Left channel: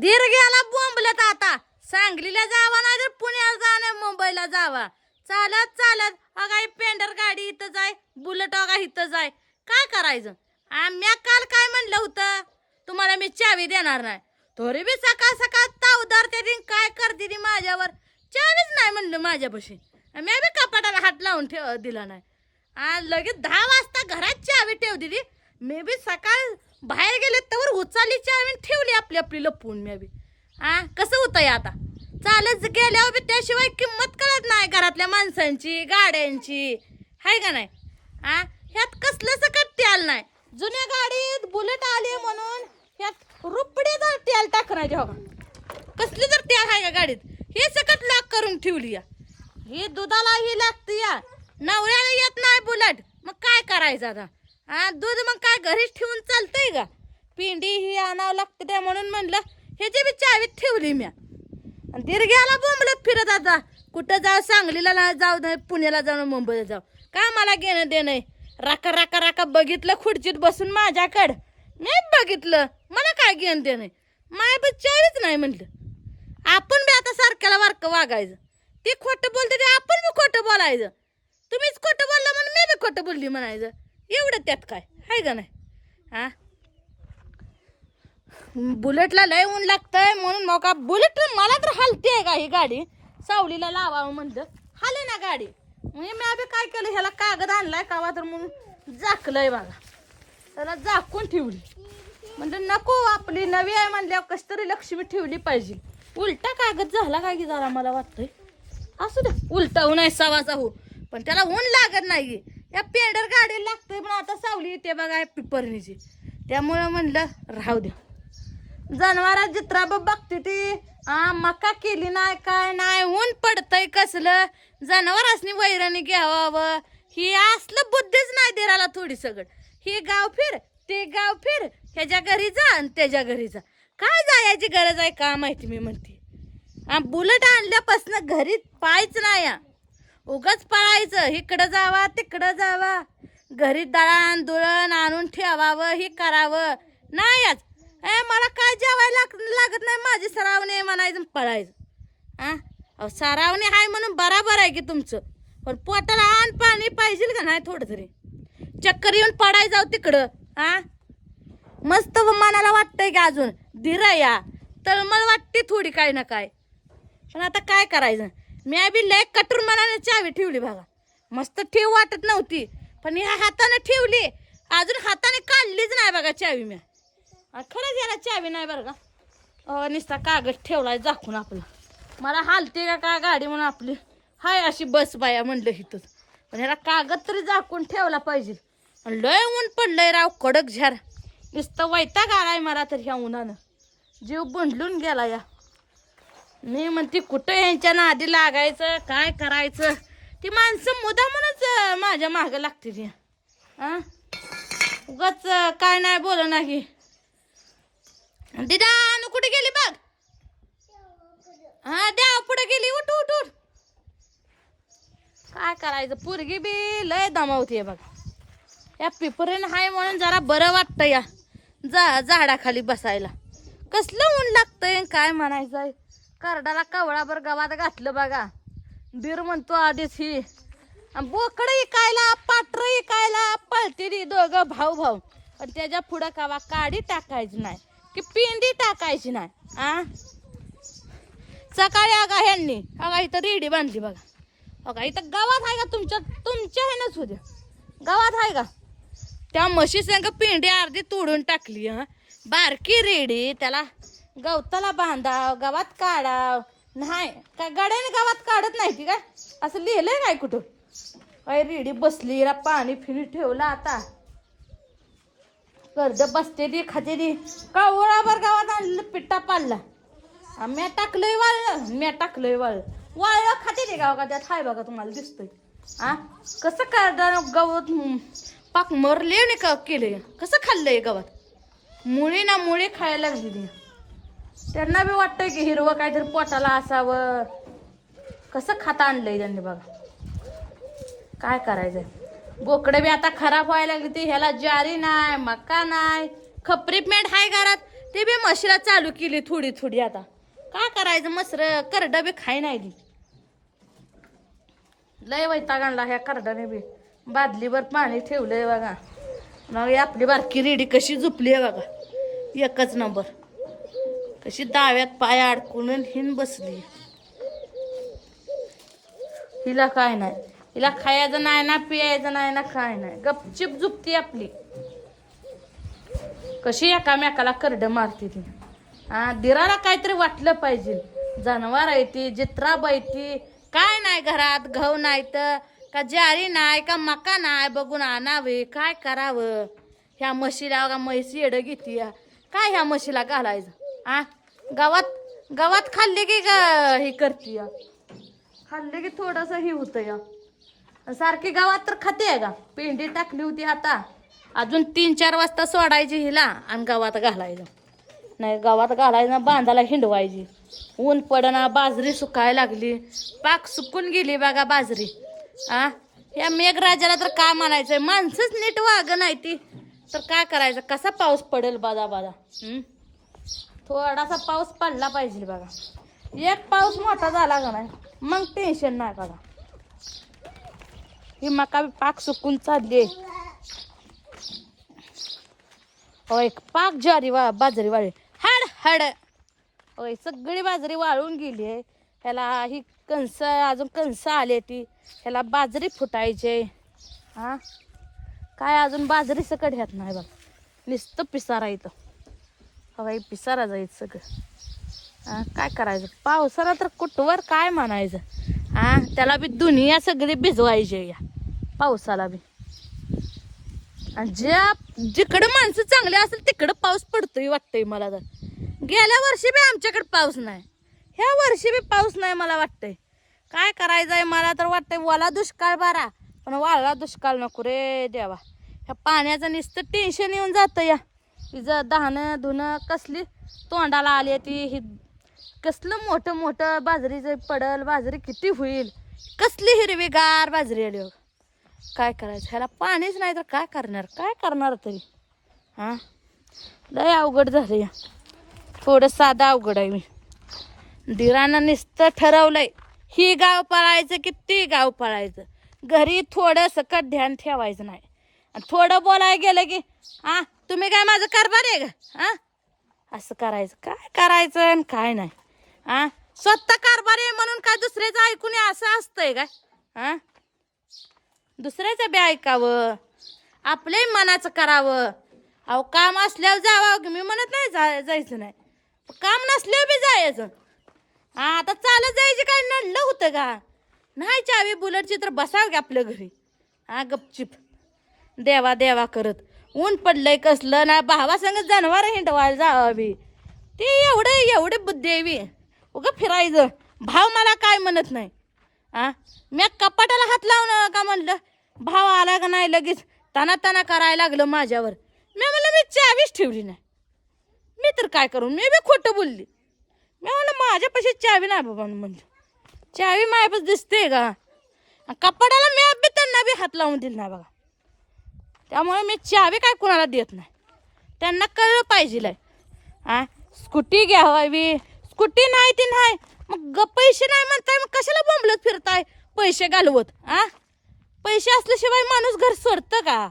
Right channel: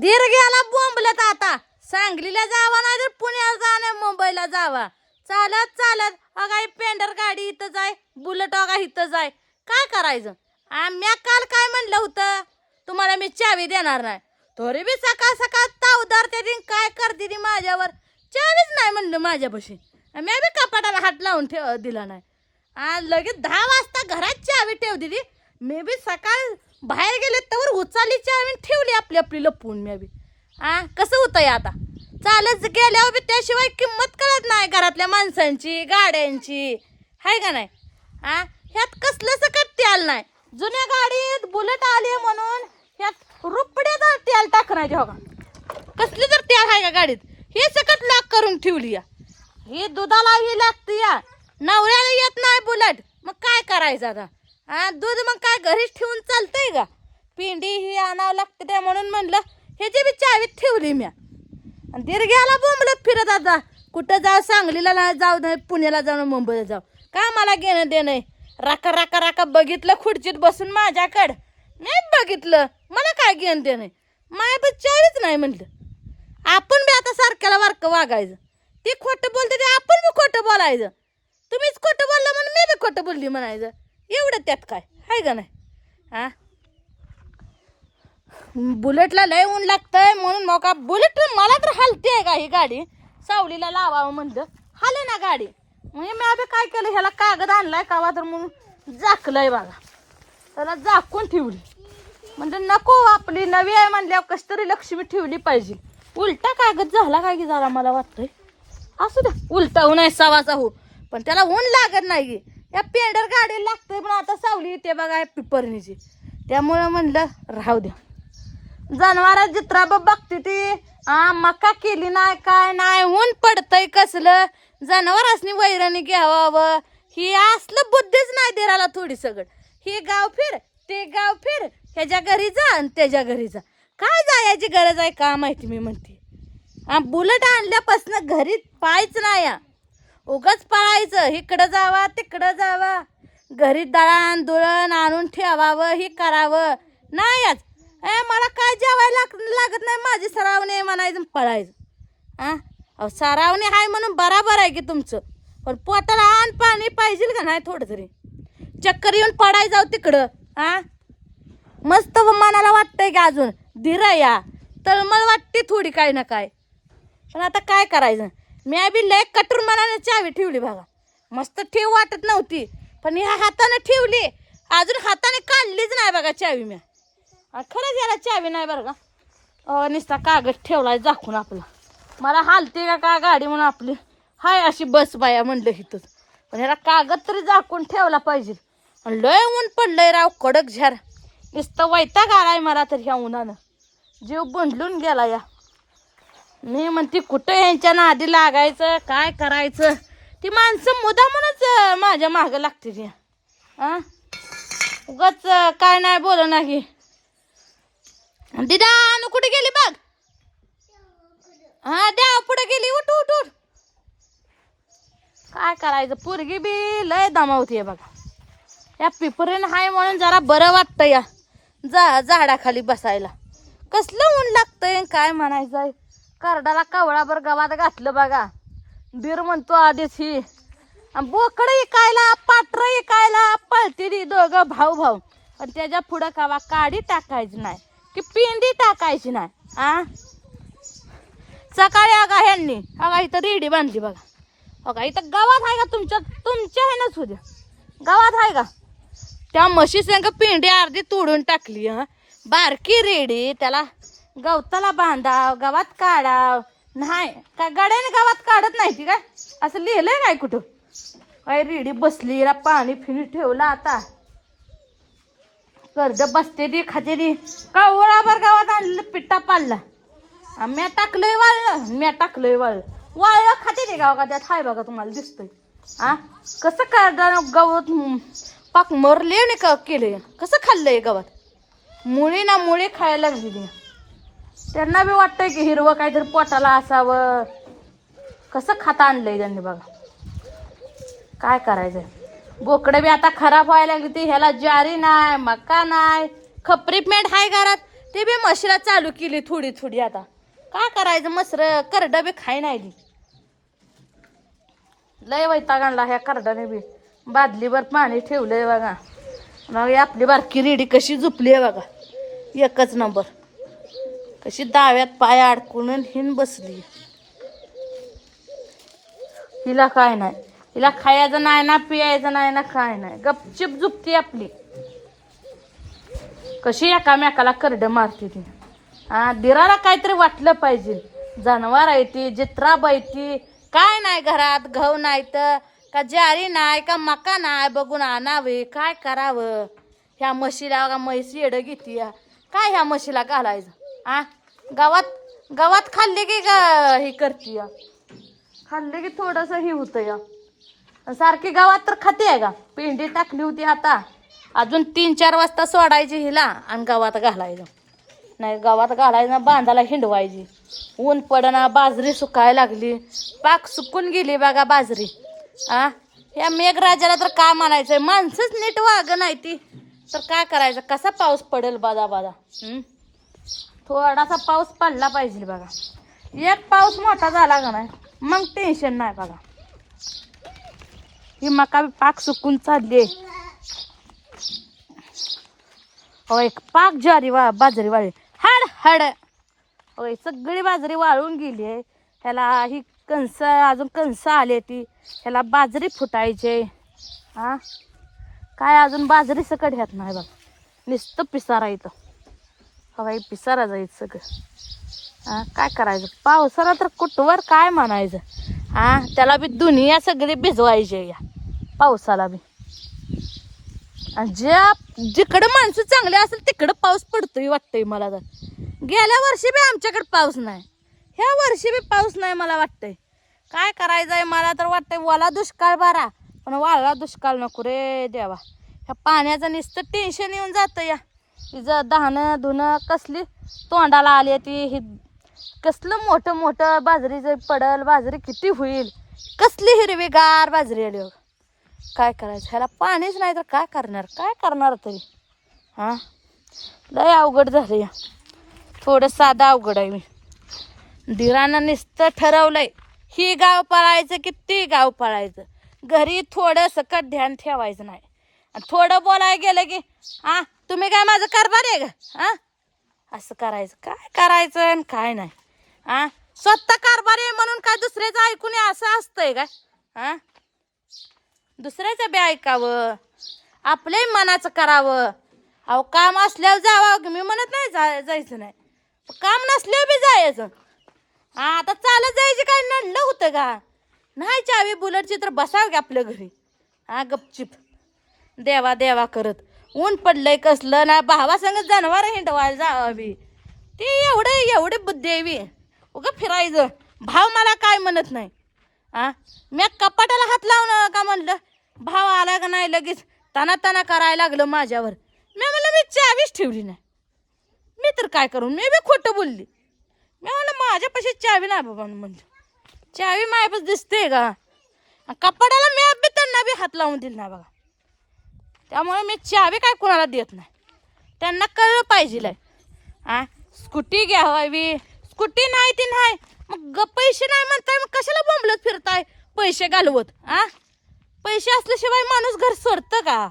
दीर गेला बोंबलत आता. सांगलीला जावा नाही तर पुण्याला जा नाही मुंबईला जावा. चालत चालत अगाई पेंडर गाडी इथं जाय बुलेट अगा इथं जाय. काय करायचं? आम्ही काल काय म्हणलं होतं? तुम्हाला मी चावी देणार नाही. तरी बी सकाळ सकाळ तावदार ते दिन काय करते ती माझ्यावर? चावीच नाही म्हणलं माझ्यापाशी. मी बी कपाटाला हात लावून ठेव दिला नाही. आणि लगेच दहा वाजता घरात चावी ठेव दिली मी बी सकाळ बाहेर गेले तर उचालीची चावी आणि ठेवली आपली आपली लपवून मी आ कसं होतंय आता? चालत गेल्यावर बी त्याशिवाय किंमत कळत नाही घरातल्या माणसांची गाड्यांची. हाय का नाही? आ ह्यात कसलं कट्टी तेल नाही? जुन्या गाडीत बुलेट आली म्हणून ह्यात रुपड्यात तेल टाकण्याचे हो का? कसली जर तेल आहे का गाडीत? हे सकट लाग करून ठेवली या हे दुधाला ही लागते या नवऱ्याला येत नाही बुलेट. मग काय करायचं आता? हा दूध मग काय घरीच ठेवून चालतंय का? पिंडी ही आणावं लागतं त्या म्हणून म्हणलं जे बी चावीत ठेवली म्या. आणि दीर्घ्याला बोंबलत फिरत आता. कुठं जाऊ सांगलीला जाऊ नाही पुण्याला जाऊ मुंबईला जाऊ. का मला घेणं देणं राका राका राका बघितलं खुर्चीत बसून माझ्याकडं. नाही बघितलं. मला काय घेणं देणं माय बच्चावीच नाही म्हणलं. आपण बी आता सारख्याला वारकं वागायचं. ते खोटं बोलते ते आपण बी खोटं बोलायचं. तुम्हीच खोटं बोललं म्हणून मी बी खोटं बोलली म्हणायचं. एवढं त्यात काय? हाय का नाही हा? बुलेटला लय ऊन लागतंय म्हणून मग का बुलेट मला तर हलते का ही गाडी. सावलीला लावावं म्हणलं. हाले ना गाडी. म्हणजे मी आता काय केलं? ह्याला कागद आणलाय कावा तर म्हणून झाकलंय बघा. त्याला झाकून ठेवली. म्हणजे नको आपली नवी आहे म्हणल्यावर कशी तरी लक्ष्मी ठेवली पाहिजे. उलटा कागद झाला काय की जरा मला वाटतंय. असू दे उलटा ऊन आहे सवाचा हो पण त्याला ऊन लागत नाही या पेंडर गाडी लागतंय पण आता सावली येते बघा पिपरणीची. त्यामुळं म्हणलं राहू द्या. जनावरात जित्रा बघते ती. आ मका केली नाही काय नाही ऊन पडतंय कसलं? जनावरांनी वैराणी घ्यावावं ही असलं बुद्धीच नाही देराला थोडी सगळं. हे गाव फिर ते गाव फिर ह्याच्या घरी जा आणि त्याच्या घरी जा. काय जायची गरज आहे का माहिती मी म्हणते. आ बुलेट आणल्यापासून घरी पायच नाही उगाच पळायचं इकडं जावा तिकडं जावा. घरी दळण दुळण आणून ठेवावं हे करावं. नाही आज. ए मला काय जेवायला लाग- लागत नाही? माझी सरावणे म्हणायचं पळायचं. आ? अहो सरावणे आहे म्हणून बराबर आहे की तुमचं. पण पोटाला आण पाणी पाहिजे का नाही थोडं तरी? चक्कर येऊन पडाय जाऊ तिकडं. हा मस्त मनाला वाटतंय की अजून. धीरा या. तर मला वाटते थोडी काय ना काय पण आता काय करायचं? मी बी लय कटूर मनाने चावी ठेवली बघा. मस्त ठेव वाटत नव्हती पण ह्या हाताने ठेवली. अजून हाताने काढलीच नाही बघा चावी मी. खरंच याला चावी नाही बरं का. नुसता कागद ठेवला दाखवून आपला. मला हालते का काय गाडी म्हणून आपली. हाय अशी बस बाया म्हणलं इथं पण ह्याला कागद तरी झाकून ठेवला पाहिजे. लय ऊन पडलंय राव कडक झार. नुसतं वैताग आलाय मला तर ह्या उन्हानं. जीव बंडलून गेला या. मी म्हणते कुठं यांच्या नादी लागायचं काय करायचं? ती माणसं मुदामूनच माझ्या मागं लागते ती हा उगच काय नाही बोल नाही दिदा अनु कुठे गेली बघ? हा द्या पुढे गेली उठ उठ उठ. काय करायचं? पोरगी बी लय दमावतीये बघ. या पिपरीन हाय म्हणून जरा बरं वाटतं या जा झाडाखाली बसायला. कसलं ऊन लागतंय काय म्हणायचं करडाला कावळाभर गवात घातलं बघा. दीर म्हणतो आधीच ही. बोकड इकायला पात्र इकायला पळती ती दोघं भाऊ भाऊ. आणि त्याच्या पुढं कावा काडी टाकायची नाही की पिंडी टाकायची नाही आ? सकाळी अगा ह्यांनी अगा इथं रेडी बांधली बघा. अगा इथं गावात आहे का तुमच्या तुमच्या ह्यानंच द्या गावात आहे का? त्या म्हशी संग पिंडी अर्धी तोडून टाकली हा. बारकी रेडी त्याला गवताला बांधाव गावात काढाव. नाही का गाड्याने गावात काढत नाही ती काय? असं लिहिलंय काय कुठं? काय रेडी बसली पाणी फिरी ठेवलं आता. कर्ज बसते दी खाते दी का ओळाभर गावात आणलं पिट्टा पाडला. म्या टाकलंय वाळलं म्या टाकलंय वाळलं. वाळलं खाते दे गाव का त्यात? हाय बघा तुम्हाला दिसतंय. आ कसं काढ गवत? पाक मरले नाही का केलंय? कसं खाल्लंय गवत? मुळे ना मुळे खायला लागली त्यांना बी वाटतंय की हिरवं काहीतरी पोटाला असावं. कसं खाता आणलंय त्यांनी बघा. काय करायचंय? बोकडं बी आता खराब व्हायला लागली ती. ह्याला ज्वारी नाही मका नाही. खपरी पेंट हाय घरात. ते बी म्हशीला चालू केली थोडी थोडी आता. काय करायचं? मसर करडा बी खाय नाही दी लय वैताग आणला ह्या करडाने बी. बादलीवर पाणी ठेवलंय बघा. मग आपली बारकी रेडी कशी झुपली आहे बघा. एकच नंबर. कशी दाव्यात पाय अडकून हिन बसली. हिला काय नाही. हिला खायचं नाही ना पियायचं नाही ना काय नाही. गपचिप झुपती आपली. कशी एकामेकाला करडे मारते ती. हा दिराला काहीतरी वाटलं पाहिजे. जनावर आहे ती जित्राब आहे ती. काय नाही घरात घाऊ नाही तर. का जारी नाही का मका नाही बघून आणावे. काय करावं? ह्या म्हशीला का म्हैस येडं घेते काय ह्या म्हशीला घालायचं? आ गावात गावात खाल्ले की ग हे करते खाल्ले की थोडस हे होतं या. सारखी गावात तर खाते आहे का? पेंडी टाकली होती आता. अजून तीन चार वाजता सोडायची हिला आणि गावात घालायचं. नाही गावात घालायचं बांधाला हिंडवायची. ऊन पडना बाजरी सुकायला लागली. पाक सुकून गेली बघा बाजरी. आ या मेघराजाला तर काय म्हणायचंय? माणसंच नीट वाग नाही ती. तर काय करायचं? कसा पाऊस पडेल बादा बादा थोडासा पाऊस पडला पाहिजे बघा. एक पाऊस मोठा झाला का नाही मग टेन्शन नाही बघा. ही मका पाक सुकून चालली एक पाक ज्वारी वा बाजरी वाळली हाड हाड. होय सगळी बाजरी वाळून गेली आहे. ह्याला ही कणस अजून कणस आले ती. ह्याला बाजरी फुटायचे हा? काय अजून बाजरी सकट ह्यात नाही बघ. नुसतं पिसारा इथं. हवाई पिसारा जायचं सगळं. काय करायचं? पावसाला तर कुठवर काय म्हणायचं? हा त्याला बी दुनिया सगळी भिजवायची या. पावसाला बी. आणि ज्या जिकडं माणसं चांगले असेल तिकडं पाऊस पडतोय वाटतंय मला तर. गेल्या वर्षी बी आमच्याकडे पाऊस नाही. ह्या वर्षी बी पाऊस नाही मला वाटतंय. काय करायचंय मला तर वाटतंय वाला दुष्काळ बारा. पण वाळला दुष्काळ नको रे देवा. ह्या पाण्याचं नुसतं टेन्शन येऊन जातं या. तिचं दहाणं धुणं कसली तोंडाला आली ती. ही कसलं मोठं मोठं बाजरीचं पडल बाजरी किती होईल? कसली हिरवीगार बाजरी आली हो. काय करायचं? ह्याला पाणीच नाही तर काय करणार? काय करणार तरी? हां? लय अवघड झालं या. थोडं साधं अवघड आहे मी. दिरानं नुसतं ठरवलंय. ही गाव पळायचं की ती गाव पळायचं? घरी थोडं सकट ध्यान ठेवायचं नाही. आणि थोडं बोलायला गेलं की हा तुम्ही काय माझं कारभार आहे का? हा? असं करायचं. काय करायचं आणि काय नाही. हा? स्वतः कारभार आहे म्हणून काय दुसऱ्याचं ऐकून असं असतंय काय? हा? दुसऱ्याचं बी ऐकावं. आपलंही मनाचं करावं. अहो काम असल्यावर जावं. मी म्हणत नाही जा जायचं नाही. काम नसल्यावर बी जायचं. हा आता चालत जायची काय नडलं होतं का? नाही चावी बुलेटची तर बसावं की आपल्या घरी. हा गपचिप. देवा देवा करत. ऊन पडलंय कसलं ना भावा सांगत जनावर हिंडवायला जावं बी. ते एवढे एवढे बुद्धी आहे बी. उगं फिरायचं. भाव मला काय म्हणत नाही. आ? मी कपाटाला हात लावणं का म्हणलं? भाव आला का नाही लगेच? तना तना करायला लागलं माझ्यावर. मी म्हणलं मी चावीच ठेवली नाही. मी तर काय करू? मी बी खोटं बोलली. मी म्हणलं माझ्यापाशी चावी नाही बाबा म्हणलं. चावी माझ्यापास दिसते का? कपाटाला मी बी त्यांना बी हात लावून दिला नाही बघा. त्यामुळे मी चावी काय कुणाला देत नाही. त्यांना कळलं पाहिजे हा? स्कूटी घ्यावी. स्कूटी नाही ती नाही. मग पैसे नाही म्हणताय मग कशाला बोंबलत फिरताय? पैसे घालवत आ पैसे असल्याशिवाय माणूस घर सोडतं का?